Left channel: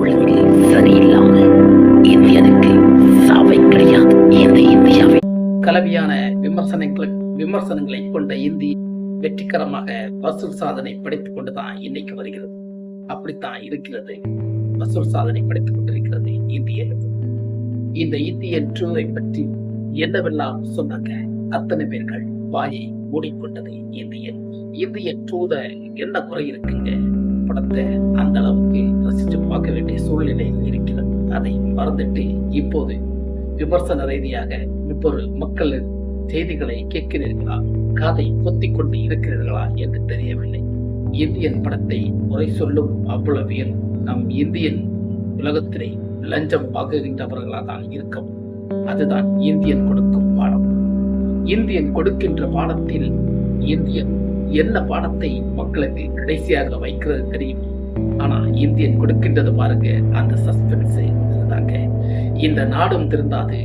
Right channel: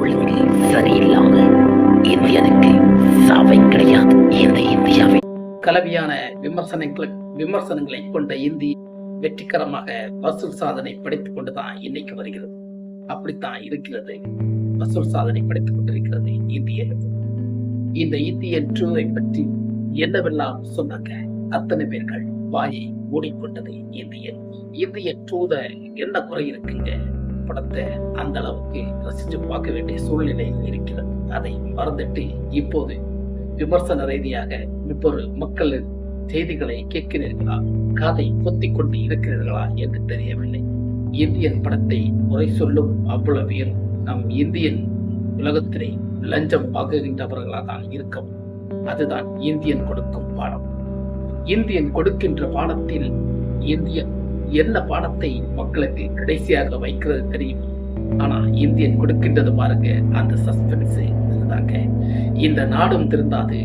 ஒழுங்கு சரியில்லாம இந்தியனுக்கு சாவை கிடையாது. இந்த இந்தியாவை கலவையான விமர்சனங்களை கொண்ட இந்தி வெற்றிகரமாக வசூல் சாதனை படைத்துக் கொண்டுதான் இன்னைக்கு வருகிறது. அப்படித்தான் இருக்கிறது, வசூல் சாதனை படைத்துக் கொண்டிருக்கிறது இந்தியன். இந்த இந்தியன் டூவை பற்றி என்னவெல்லாம் சொன்னாங்க, அத்தனை பேர்கள் வாயை மூடிக்கொண்டது இந்தியன் டூத என்ன குறை இருக்குங்க. படத்தை அந்த அளவுக்கு ரசிச்சு பார்க்க வேண்டிய சூழ்நிலை இருக்கிறது. அதை மறந்துட்டு இப்போது விமர்சன ரீதியாக இப்பொரு மக்கள் செய்திகளை கேட்கிறீர்களா, காதை பொத்திக் கொண்டு இருக்கிறீர்களா என்று தெரியவில்லை. இந்தியன் படத்தை குறை சொல்லும் அவ்வளவு பேர் நம் இந்தியன் உலகத்திலே லஞ்சம் வாங்குகின்றவர்களாக தான் இருக்கும். அதுதான் இந்தியன் கொடுக்கும் பாடம். இந்தியன் கொடுக்கின்ற பாடத்தில் இந்தியன் என்ன பாடத்தை மக்களுக்கு கடைசியாக வைக்கிறது தெரியும். ஆனா இந்தியன் கொடுக்கின்றது பாருங்க, அந்த சஸ்பென்ஸ் அதுதாங்க. இந்த நாடும் திருந்தாது,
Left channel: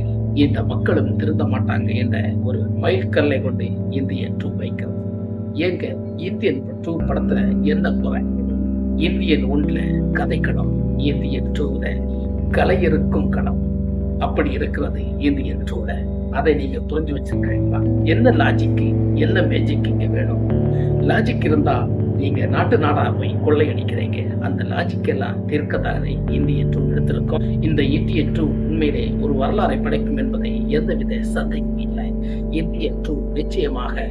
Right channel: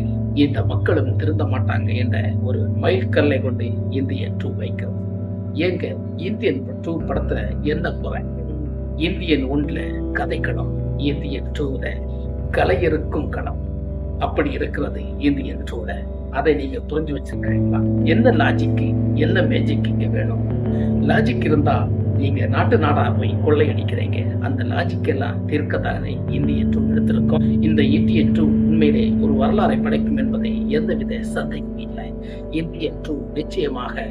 இந்த மக்களும் திருந்த மாட்டாங்க என்ற ஒரு மைல்கல்லை கொண்டு இந்தியன் டூ வைக்கிறது. ஏங்க இந்தியன் டூ படத்துல என்ன குறை? இந்தியன் ஒன்றுல கதைக்களம், இந்தியன் டூல கலை இருக்கும் களம். அப்படி இருக்கிறது இந்தியன் டூல. அதை நீங்க புரிஞ்சு வச்சிருக்கீங்களா? என்ன லாஜிக்கு, என்ன மேஜிக் இங்க வேணும்? லாஜிக் இருந்தா நீங்க நாட்டு நாடா போய் கொள்ளையடிக்கிறீங்க. அந்த லாஜிக் எல்லாம் தீர்க்கத்தானே இந்தியன் டூ எடுத்திருக்கோம். இந்த இந்தியன் டூ உண்மையிலே ஒரு வரலாறை படைக்கும் என்பதை எந்தவித சந்தேகமும் இல்லை. இந்தியன் டூ நிச்சயமாக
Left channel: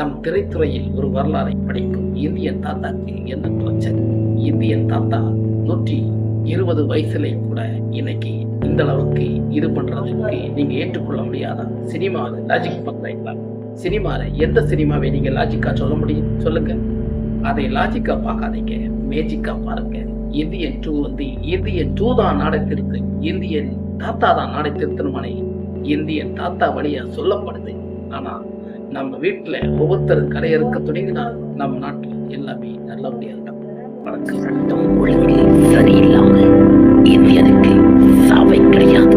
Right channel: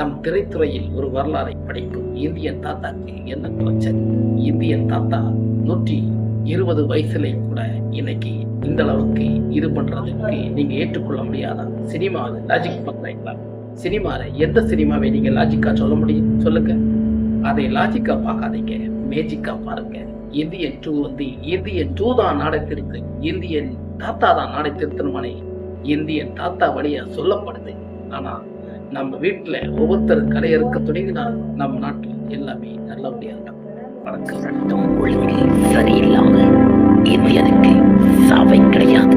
நம் திரைத்துறையில் ஒரு வரலாறை படைக்கும். இந்தியன் தாத்தாக்கு என்ன பிரச்சனை? இந்தியன் தாத்தா 120 வயசுல கூட இன்னைக்கு இந்த அளவுக்கு இது பண்றதுக்கு நீங்க ஏற்றுக்கொள்ள முடியாதா? சினிமாவை லாஜிக் பண்றீங்களா? சினிமால எந்த சினிமாவை நீங்க லாஜிக்கா சொல்ல முடியும்? சொல்லுங்க. அதை லாஜிக்கா பார்க்காதீங்க, மேஜிக்கா பாருங்க. இந்தியன் டூ இந்தியன் டூ தான் நாடை திருத்து, இந்தியன் தாத்தா தான் நாடை திருத்தணுமானே இந்தியன் தாத்தா வழியா சொல்லப்படுது. ஆனா நம்ம வீட்டுல ஒவ்வொருத்தரும் கடையறுக்க துணிங்கினா நம்ம நாட்டுல எல்லாமே நல்லபடியா இருக்கும். சட்டம் ஒழுங்கு சரியில்லாம இந்தியனுக்கு சாவை கிடையாது.